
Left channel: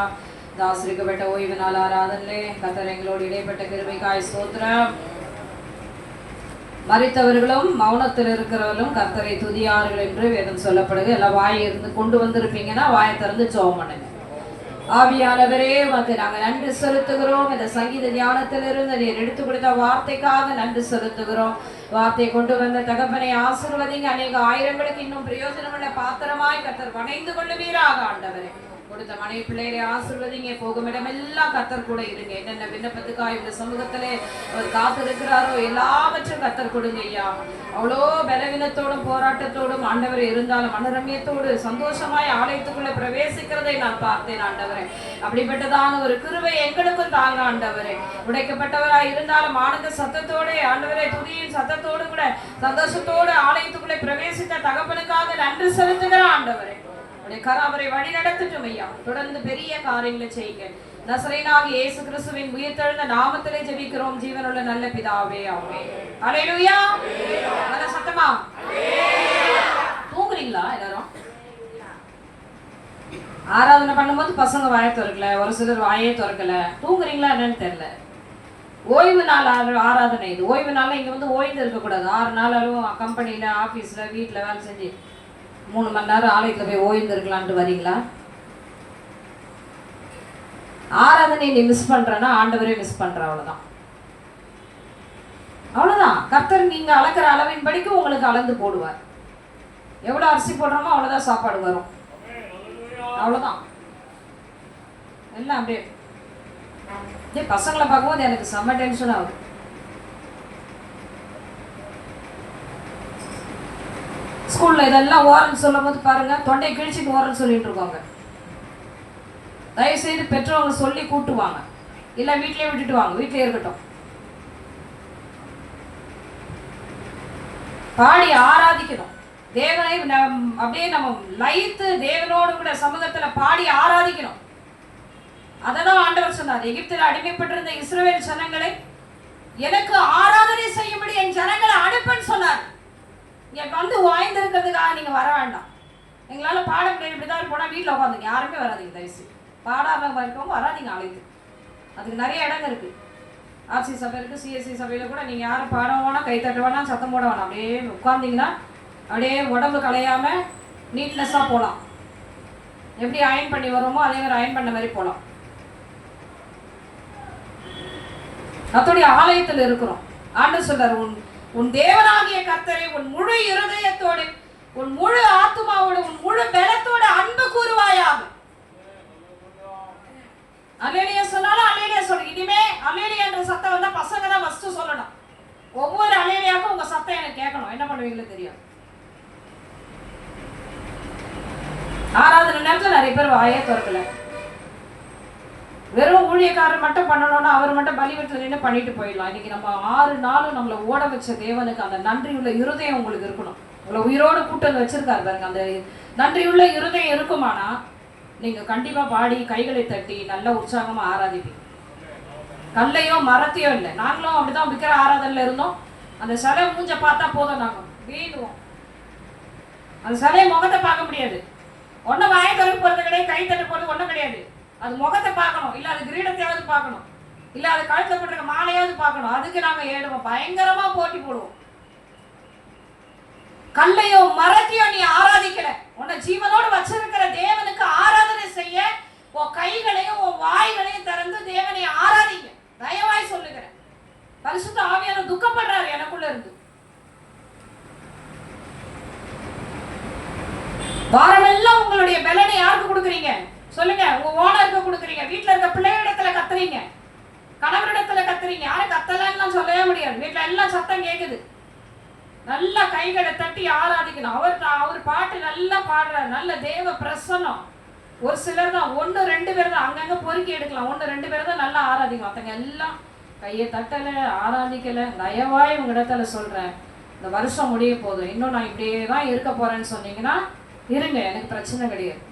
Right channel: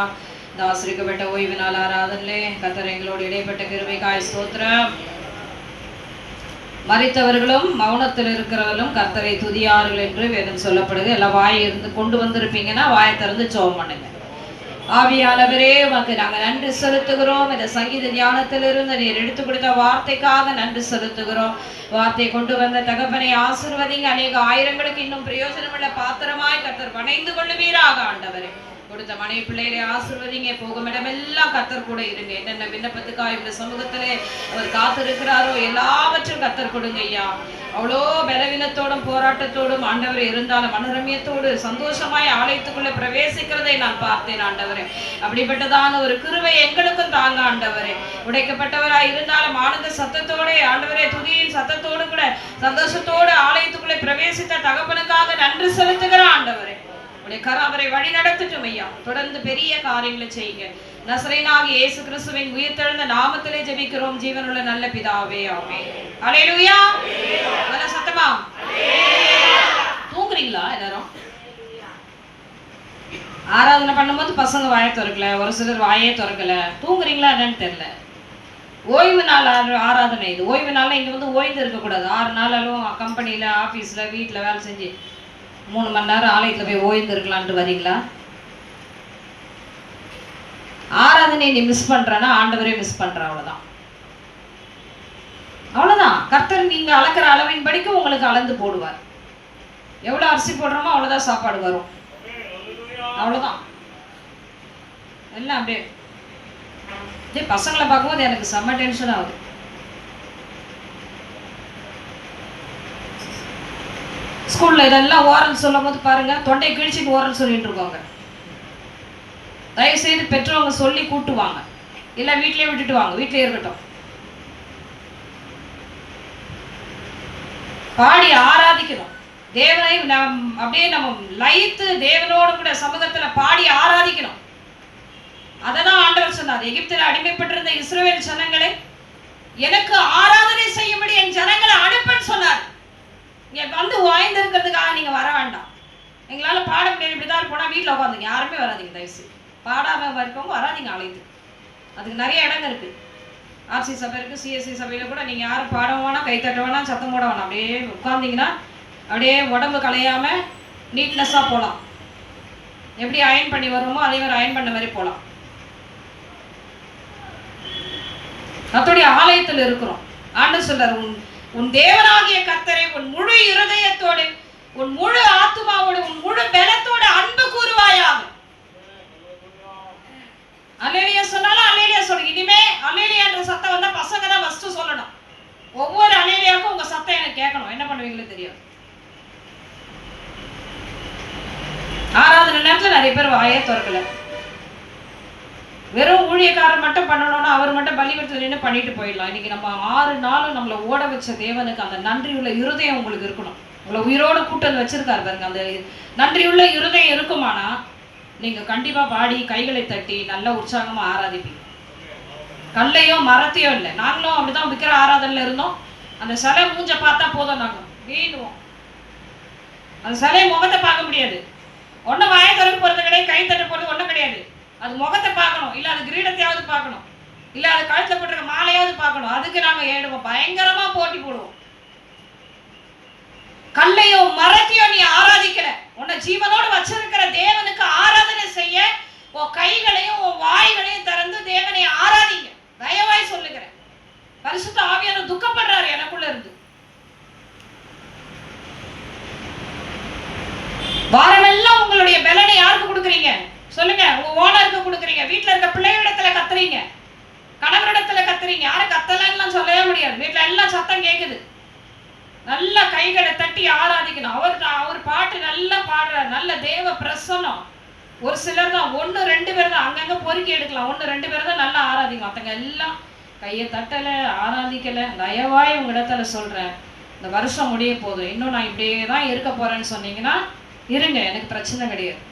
இந்த ஆசிரியப்பட்ட ஓய்வு நாள் ஆராதனிலே கர்த்தர் எங்களோடு இடைப்பட்ட கிருபைக்காய் ஸ்தோத்திரம். மரித்தவர்களும் மௌனத்தில் இருக்கிறவர்களும் கர்த்தரை துதியார்கள் என்று வேதம் சொல்லப்படுது. எல்லாம் வாயை இருந்து கொண்டு வந்திருப்பீங்கன்னா வாயை திறந்து ஜெபம் பண்ணுங்க. ஆவியானவரே, உமக்கு நாங்கள் நன்றி செலுத்துகிறோம். இந்த சங்கீத தியானத்திலிருந்து நீர் எடுத்து கொடுத்த வார்த்தைக்காக நன்றி செலுத்துகிறோம். வார்த்தை கொண்டு வந்த தகப்பனை ஆசீர்வதிங்க. அநேக ஆயிரங்களுக்கு இன்னும் பிரயோஜனமுள்ள பாத்திரமாய் கர்த்தர் வணைந்து கொள்ளுவீராக. ஆண்டவரே, கொடுத்த மனைவி பிள்ளைகளை ஆசீர்வதிங்க. போகும் இடமெல்லாம் கர்த்தர் கூட இருங்க. என்னென்ன விண்ணப்பத்துக்காக இந்த சமூகத்திலே அவர் காத்திருக்கிறாரோ எல்லாவற்றும் கர்த்தர் கொடுங்க ஐயா. அவ்வளோ பலவீனத்தோடும் போராட்டத்தோடும் ஆண்டவரே இருந்தாலும் மனரமியத்தோடு சந்தோஷமாய் ஆலயத்துக்குள்ள பிரவேசிக்கிறதை நான் பார்த்தேன் ஆண்டவரே. அப்படிப்பட்டதான ஒரு கிருபை எங்களுக்கும் தாங்க ஆண்டவரே. உடைக்கப்பட்டவராய் இருந்தாலும் ஆனந்த சத்தத்தோட ஆண்டவரே, துதியின் சத்தத்தோடு கூட சந்தோஷத்தோடு ஆலயத்துக்குள்ளே பிரவேசித்த தகப்பனுக்காக நன்றி செலுத்துகிற ஆண்டவரே. உடைய கராவரை வழி நடத்தட்டும் ஐயா. தொடர்ந்து பெரிய காரியங்களை செய்யுங்க. நசரேயனாகிய இயேசு கிறிஸ்துவின் உயிர்த்தெழுந்த நாமத்திலே ஜெபிக்கிறோம் ஜீவனுள்ள நல்ல பிதாவே, ஆமென். அல்லேலூயா. நல்ல சத்தமா தூங்குறீங்களா எல்லாரும்? ஆராதனை பண்ணும்போது பசங்க வாயை திறக்கல, ஒரு சிலர் வாயே திறக்கல. தூங்குறீங்களா என்னன்னு தெரியல. ஓய்வு நாள் ஆராதனை இது. ஓய்வு நாள் இங்க வந்து ஓய்ந்து இருக்கக்கூடாது. 6 நாளாலும் கம்பெனியில, ஆபீஸ்ல, வீட்டுல வேலை செஞ்சு 3 மணி நேரம் ஆலயத்துல போய் ஓய்ந்து இருக்கலான்ட்டு வரீங்களா? ஆராதனை நீ மிஸ் பண்றனா ஆண்டவரே மிஸ் பண்ற. அவ்வளவுதான், அவ்வளவுதான். கர்த்தர் நீங்க அளக்கிற அளவின் படிக்கு உங்களுக்கு அளந்து போடுவார். எவ்வளவு அரிசி போடுறோமோ அவ்வளவுதான் சாப்பாடு வரும். அவ்வளவுதான். எல்லாம் அப்படியே பசங்களை பார்க்கும்போது எனக்கு செம்ம டென்ஷன் ஆகுது. ஸ்கூல்ல இதெல்லாம் ஓரல் சொல்லும் போது பாருங்க, தொண்டை கிழிச்சிட்டு ஓரல் சொல்லிட்டு இருக்காங்க. தயவு செய்து பெற்றவங்க சொல்லி கூட்டுவாங்க, இல்ல வீட்லயே விட்டுட்டு வாங்க. வீட்லயே இருக்கட்டும். பாடி ஆராதிக்கணும். தேவனை அப்படியே நம்ம லயித்து தேவனோடு கூட சமூகத்துல பாடி ஆராதிக்கணும். அததான் ஆண்டவர் சொன்னார், எகிப்தில் அடிமைப்பட்டிருந்த இஸ்ரவேல் ஜனங்களை எனக்கு ஆராதனை செய்யும்படி என் ஜனங்களை அனுப்பன்னு சொன்னார். இங்க வந்து வாய்ந்திருக்கிறதுக்காக நீங்க வர வேண்டாம். எங்களால பாட முடியாது, இப்படிதான் போனா வீட்டுல உட்காந்துங்க, யாருமே வராதிங்க, தயவுசெய்து பாடாம இருக்கவங்க வராதிங்க, அழைத்து. அதுக்கு நிறைய இடங்கள் இருக்கு. ஆர்சி சபை இருக்கு, சிஎஸ்சி சபையில கூட நீங்க யாரும் பாட வேணாம், கை தட்ட வேணாம், சத்தம் போட வேணாம். அப்படியே உட்கார்ந்தீங்கன்னா அப்படியே உடம்பு கலையாம நீட்னஸா போகலாம். எப்படி அயன் பண்ணி வருமோ அதே மாதிரி அயன் பண்ண மாதிரி போகலாம். கர்த்தருடைய ஆலயத்தில் இருக்கிறோம். ஆண்டவர் சொல்றார், உன் தேவனாகிய கர்த்தரை உன் முழு இருதயத்தோடு, உன் முழு ஆத்துமாவோடு, உன் முழு பலத்தோடு அன்பு கூறுவாயாக. அல்லேலியா சொன்னாலும் அல்லேலியா சொல்லு. இனிமே அல்லேலியா என்ற சத்தம் வந்தா பசங்க தான் ஃபர்ஸ்ட் சொல்லணும். ஒவ்வொரு அல்லேலியாவுக்கும் உங்க சத்தம் எனக்கு கேட்கணும். என்ன பண்ணுவீங்களோ தெரியாது. ஆராதனை நேரத்துல நிறைய பேர் வாயே திறக்கல. வெறும் ஊழியக்காரர் மட்டும் பண்ணணும்னா அவர் மட்டும் பலிபீடத்துல நின்று பண்ணிட்டு போயிடலாம். இன்னைக்கு நம்ம 6 நாளும் நம்மளை ஓட வச்ச தேவனுக்கு அந்த நன்றியுள்ள இருதயம் உங்களுக்கு இருக்கணும். உங்களை உயிரோடு கூட்டம் வச்சிருக்காரு பாருங்க. அந்த நன்றியுள்ள இருதயம் இருக்குமானா நீங்க கண்டிப்பா பாடி கைகளை தட்டி நல்ல உற்சாகமா ஆராதிப்பீங்க. கல்லையோ மரத்தையோ இல்லை. நாங்களும் அப்படிதான் விக்கிற ஆராதனையில இருந்தோம். அந்த சிலை மூஞ்ச பார்த்தா போதும், நாங்க வீணுவோம். அந்த சிலையை முகத்தை பார்க்க முடியாது. ஒன்னும் வாய திறக்க போறது கிடையாது, கை தட்ட போறது ஒன்றும் கிடையாது. அது முகத்தை பார்க்கணும், இல்ல அது கிரீடத்தையாவது பார்க்கணும், இல்ல அது கழுத்துல போட்டிருக்க மாலையாவது பார்க்கணும். அதுக்கு நாங்க ஏடுவோம், பயங்கரமா போட்டி போடுவோம். கல்லையோ மரத்தையோ நீ ஆராதிக்கல, உன்னை ஜீவனோடு வச்சிருக்கிற தேவனுக்கு ஆராதனை செய்ய உன் கைகளையும் உன் வாய்களையும் திறந்து தேவனை ஆராதிங்க. தயவாய் சொல்லுகிறேன். பரிசுத்த ஆவியானவர் துக்கப்படுறாரு எனக்குள்ள இருந்து. வாரமெல்லாம் உங்களுடைய பலனை யாருக்கு கொடுக்குறீங்க சொல்லுங்க? உங்க ஓனருக்கு கொடுக்குறீங்க, வீட்டுல இருக்க பிள்ளைகளிடத்துல கத்துறீங்க, கணவரிடத்துல கத்துறீங்க. யாரும் கத்தலன்னு சொல்லவே முடியாது. வீட்டுல எல்லாம் சத்தம் கேட்குது. நல்லா கைகளை தட்டி ஆராதிக்கணும். அவர் பாட்டு நல்லா பாடுறாரு, நல்ல தேவ பிரசன்னம். ஒரு சிலர் தான், 1-2 பேர் தான் அங்கங்க பொறுக்கி எடுக்கலாம். 1-2 பேர் தான் நல்லா ஆராதிக்கும். மற்றவங்க எல்லாம் கையை தட்டல, ஆராதிக்கல. தயவாய் உங்க இடத்துல சொல்றேன், இந்த வருஷம் முடிய போதும், இன்னும் நான் இப்படியே தான் இருக்க போறேன்னு சொன்னீங்கன்னா இருங்க, எனக்கு பிரச்சனை கிடையாது.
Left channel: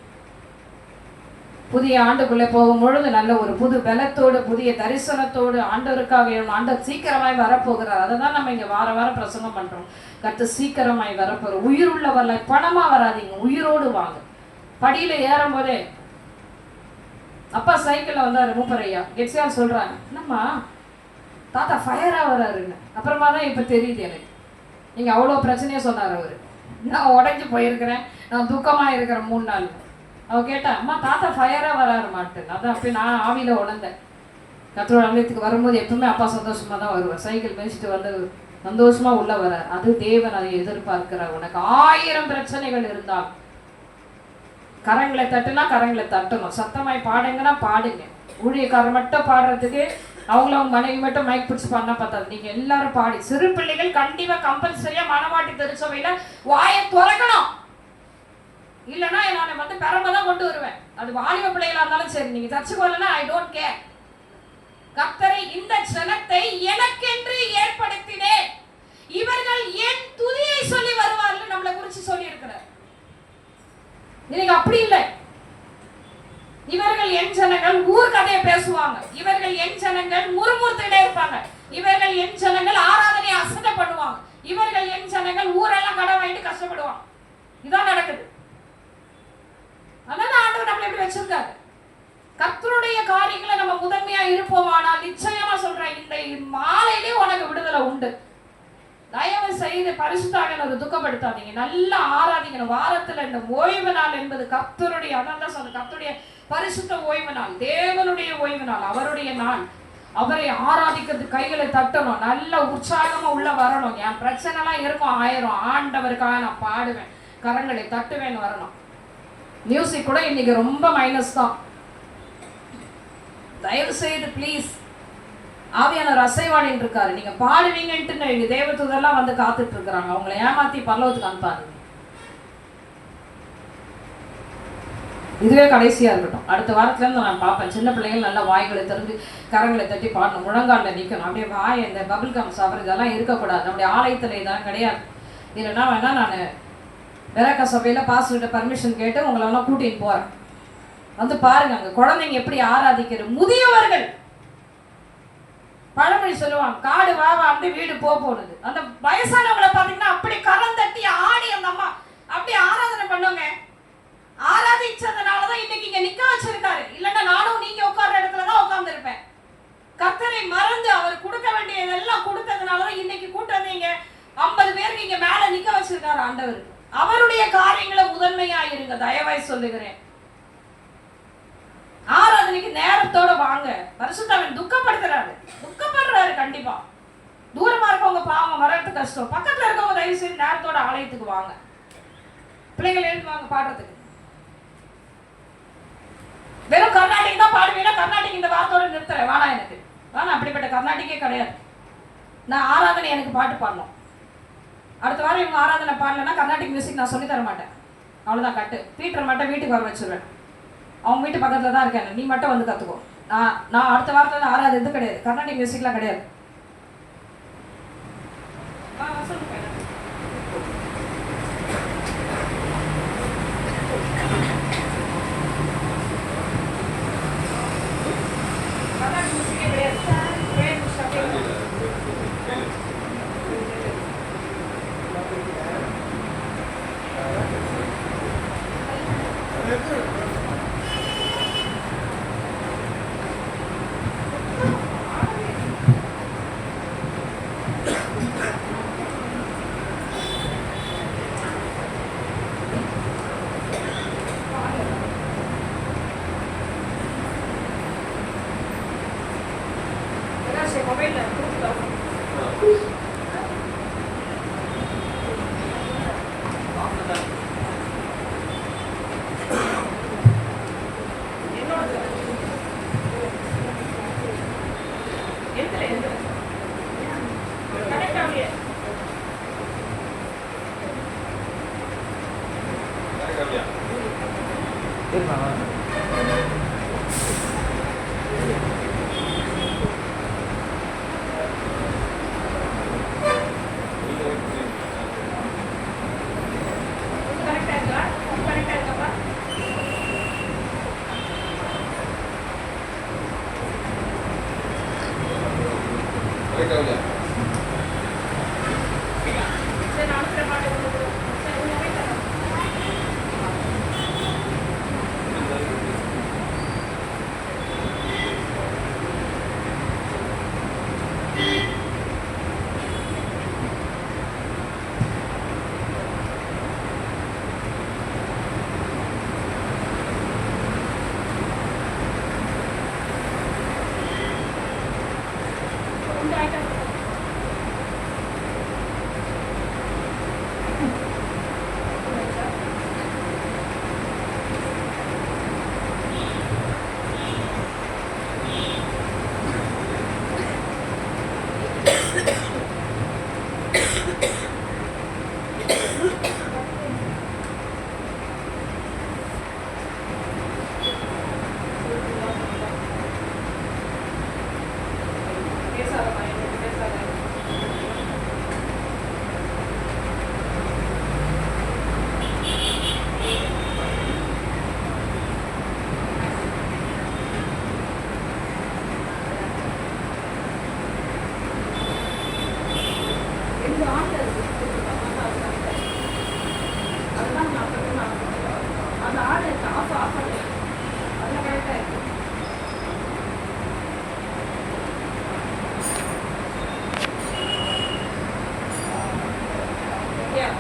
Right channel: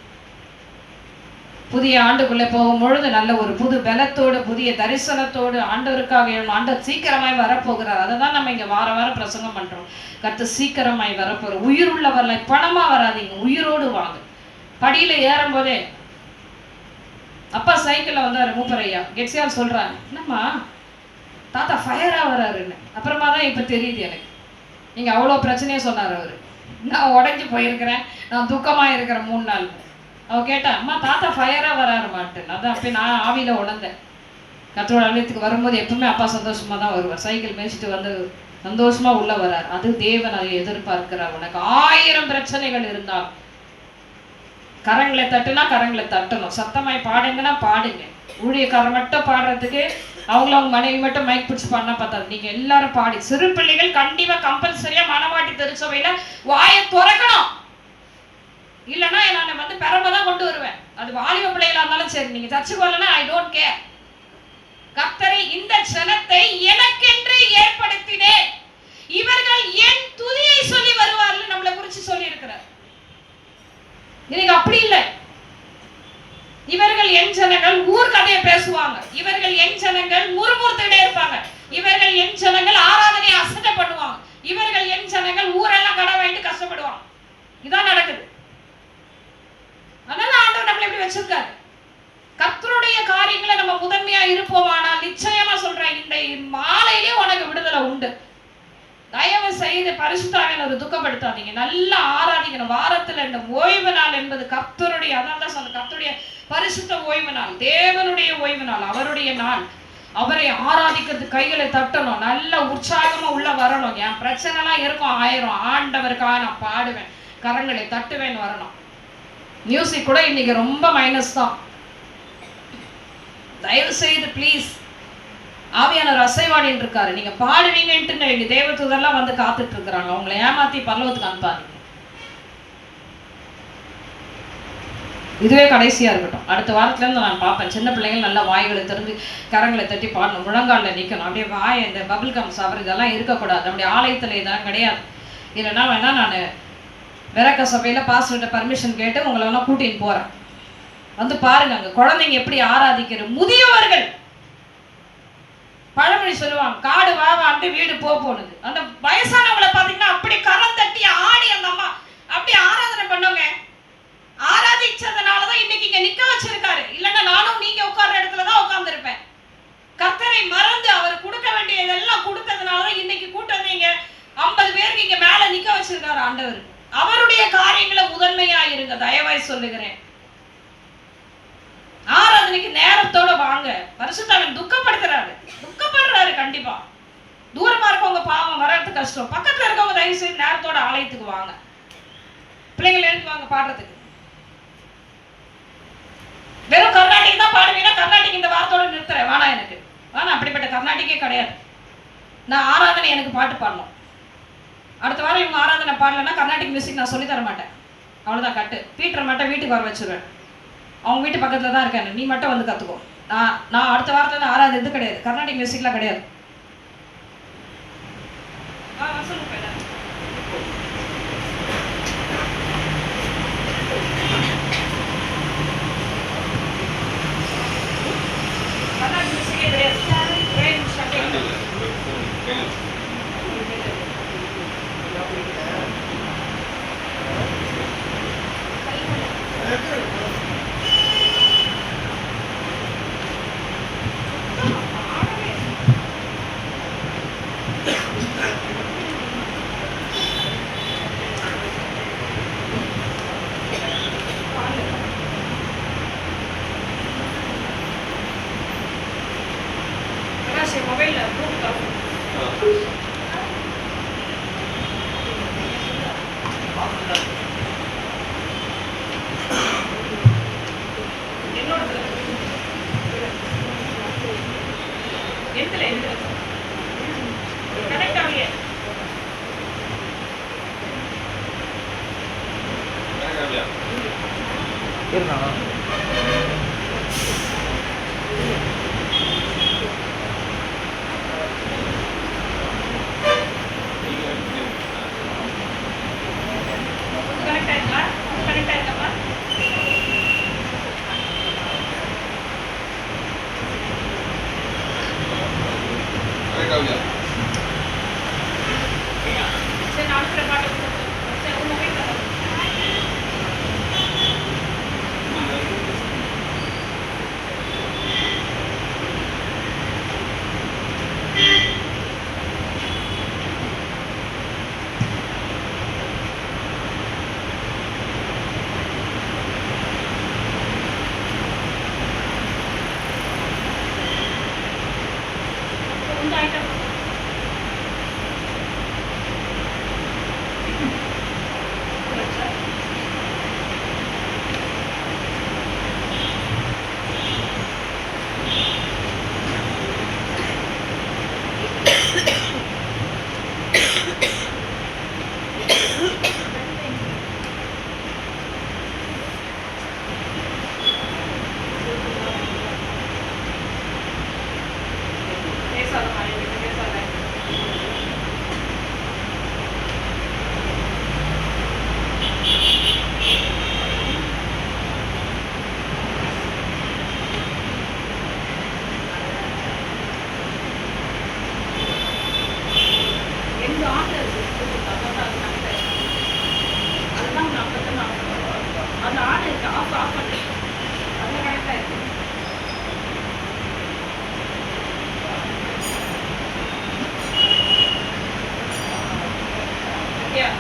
புதிய ஆண்டுக்குள்ளே போகும் பொழுது நல்ல ஒரு புது பலத்தோடு, புதிய தரிசனத்தோடு ஆண்டவருக்காக ஆண்டவர் சீக்கிரமாய் வரப்போகிறார். அதை தான் நம்ம இங்க வார வாரம் பிரசங்கம் பண்றோம். கர்த்தர் சீக்கிரமாய் வரப்போற. உயிர் உள்ளவர்ல பணமா வராதிங்க, உயிரோடு வாங்க. படியில ஏறும் போதே அப்பா சைக்கிள்ல வந்தாரு, மூப்பரையா கெட்சியார் சொல்றாங்க, என்னம்மா தாத்தா ஃபயரா வராருன்னு. அப்புறமா தான் இப்ப தெரியுது எனக்கு, நீங்க அவ்வளவு பிரச்சனையே சொன்னார் அவரு. நான் உடைஞ்சு போயிருக்கிறேன், நான் துக்கமா இருக்கிறேன் 3 நாள். அவ கேட்டா, அம்மா தாத்தா ஃபயரா வராரு மாட்டேன். அதான் அப்ப நான் ஆவியில உணர்ந்தேன். கர்த்தரோட ஆலயத்துக்கு வரும்போது எப்பவுமே அப்பா சந்தோஷமா தான் வருவார். சைக்கிள் மேய்ச்சிட்டு வந்து சந்தோஷமா உள்ள வர்றார். அது தேவன் அதை எதிர்பார்க்கிறார். உனக்கு 1000 பிரச்சனைகள் இருந்தால் கரங்களை தட்டுனா கரங்களை தட்டணும். சத்தமாய் பாடுங்கன்னா பாடுங்க. ஊழியக்காரர் மட்டும் பாடுறதுக்கு அவங்க மனைவி மட்டும் மைக் பிடிச்சு பண்ண பார்த்தாது. நீங்க எல்லாரும் பாடி. சிறு பிள்ளைகள் கண்டிப்பா கம்பல்சரியா மனவாட்டி திருச்சபையில வாயை திறக்கணும். இல்லைன்னா நான் வந்து பெரம்பதான் கொண்டு வருவேன். அது வாலிப பிள்ளைகளா இருந்தாலும் சரி, நீங்க சர்ச்சுக்கு வரலன்னா ஐ டோன்ட் கேர். கர்த்தரை இந்த ஜனத்தை எனக்கென்று ஏற்படுத்தினேன், இவர்கள் என் துதியை சொல்லி வருவார்கள் நம்மளை குறிச்சு சொல்லி இருக்கிறார். இன்னைக்கு அப்படி இல்லை. இவர்கள் என் ஜனங்கள் ஊர் கதையை பேசுவாங்க, இவர்கள் என் ஜனங்கள் முறுமுறுத்துக்கிட்டே இருப்பாங்க, இவர்கள் என் ஜனங்கள் ஆராதனையை அசட்டை பண்ணுவாங்க, இவர்கள் என் ஜனங்கள் ஊரெல்லாம் கடன் வாங்கிட்டு கஷ்டப்படுவாங்க. இதான் நடக்குது. அதனால ஆண்டவர் நம்மளை இப்படி வச்சிருக்காரு. கர்த்தருடைய காரியங்களை நம்ம முதன்மையா இருப்போமானால் நிச்சயமா சொல்றேன், இந்த மாலையிலே உனக்கு விடுதலை உண்டு. தயவு செய்து பரிசுத்த ஆவியானவரை துக்கப்படுத்தாதீங்க, நல்லா ஆராதிக்கணும். வாரத்துல இந்த ஓய்வு நாள் என்பது கர்த்தருடைய, அதான் சொல்ல, கர்த்தருடைய பரிசுத்த ஓய்வு நாள், தேவனுடைய ஓய்வு நாள், அவருடைய நாள். அவரை ஆராதிக்கிறது, கைகளை தட்டணும், நல்ல உற்சாகமா உள்ள வரணும். என் பிரச்சனை எல்லாம் இருக்கும் 1000, ஆண்டவருக்காக நான் பாடுவேன், கரங்களை தட்டுவேன்னு வரணும். மியூசிக் கூட இன்னைக்கு ரொம்ப மைனஸ் தான். தயவு செய்து ப்ளீஸ், ஆவியானவர் அசைவாடின்னு இருக்காரு. நீங்க பாடுவீங்கன்ட்டு எங்க தேவதூதர்லாம் வந்து காத்துட்டு இருக்கிறாங்க. அவங்களை ஏமாத்தி பரலோகத்துக்கு அனுப்பாதீங்க. இதுவே கடைசியா இருக்கட்டும். அடுத்த வாரத்துல இருந்து நான் பார்ப்பேன், சின்ன பிள்ளைகள் நல்லா வாய்களை திறந்து கரங்களை தட்டி பாடணும், முழங்காலில் நிற்கணும். அப்படியே வாய் இந்த பபிள் கம் சாப்பிட்ற இதெல்லாம் இருக்கக்கூடாது. நம்முடைய ஆலயத்துல இதெல்லாம் கிடையாது. இல்லைன்னா வேணா நான் விரக்க சபையில் பாஸ்டர்கிட்ட பர்மிஷன் கேட்டு உங்களெல்லாம் கூட்டின்னு போகிறேன். வந்து பாருங்க அங்கே குழந்தைங்க எப்படி ஆராதிக்கிற. முதியவர்கள் பழமொழி சொல்லுவாங்க, காடு வாவாண்டு வீடு போனது. அந்த வயசானவங்களை பார்த்தீங்கன்னா அப்படி கரம் தட்டி ஆடி அந்த அம்மா அப்படி ஆராதனை பண்ணுங்க. ஆராதிச்சதுனாலதான் இன்னைக்கு இங்க நிக்க வச்சிருக்காரு. இல்லைன்னா நானும் நீங்க உட்கார்ற இடத்துலதான் உட்கார்ந்துருப்பேன். கர்த்தரை மறந்து அவர் கொடுக்க வேண்டியதெல்லாம் கொடுத்ததுனாலதான் இன்னைக்கு கூட்டு வந்தீங்க 50 பேருக்கு இங்க மேல நிக்க வச்சிருக்காரு ஆண்டவர். அவருடைய காரியங்களை முதன்மையா இருங்க, தயவாய் சொல்லுகிறேன். ஆராதனைக்கு நேரத்தோட வாங்க. பரிசுத்தாவின் துக்கப்படுறாரு கண்டிப்பா. தூரமா இருக்கவங்க பாவம் வர்றது கஷ்டம். பக்கத்துல இருக்கவங்க தயவு செய்து நேரத்தோட ஆலயத்துக்கு வாங்க. பிள்ளைங்களை எழுந்து வாங்க பாடுறதுக்கு. வெறும் கர்நாடிக் தான் பாடுவீங்கன்னா கர்நாடிக் இந்த வார்த்தையோட நிறுத்துறேன். வேணாம், எனக்கு வேணாம், அப்படிப்பட்ட கர்நாடிக்கே கிடையாது. நான் ஆராதனை எனக்கு பாட்டு பாடணும். அடுத்த வாரம் இவங்க ஆராதனை பாடலன்னா கர்நாடிக் மியூசிக் நான் சொல்லி தர மாட்டேன். அவ்வளோதான் கட்டு. பீட்டர் மட்டும் வீட்டுக்கு வர வச்சிருவேன். அவங்க வீட்டு பக்கத்தில் தான் இருக்கேன். நீ மட்டும் வந்து கற்றுக்கோ. நான் அடுத்த வாரத்தில் ஆராதனை இது கிடையாது, கர்நாடிக் மியூசிக்லாம் கிடையாது. கர்நாடிக் மியூசிக்கே கிடையாது. மொபைல்ல கனெக்ட் ஆகலையே. சரி, நான் அனுப்புற பாட்டு சரி, உங்க மொபைல் தரேன். உங்க ஐட்டம் Yeah.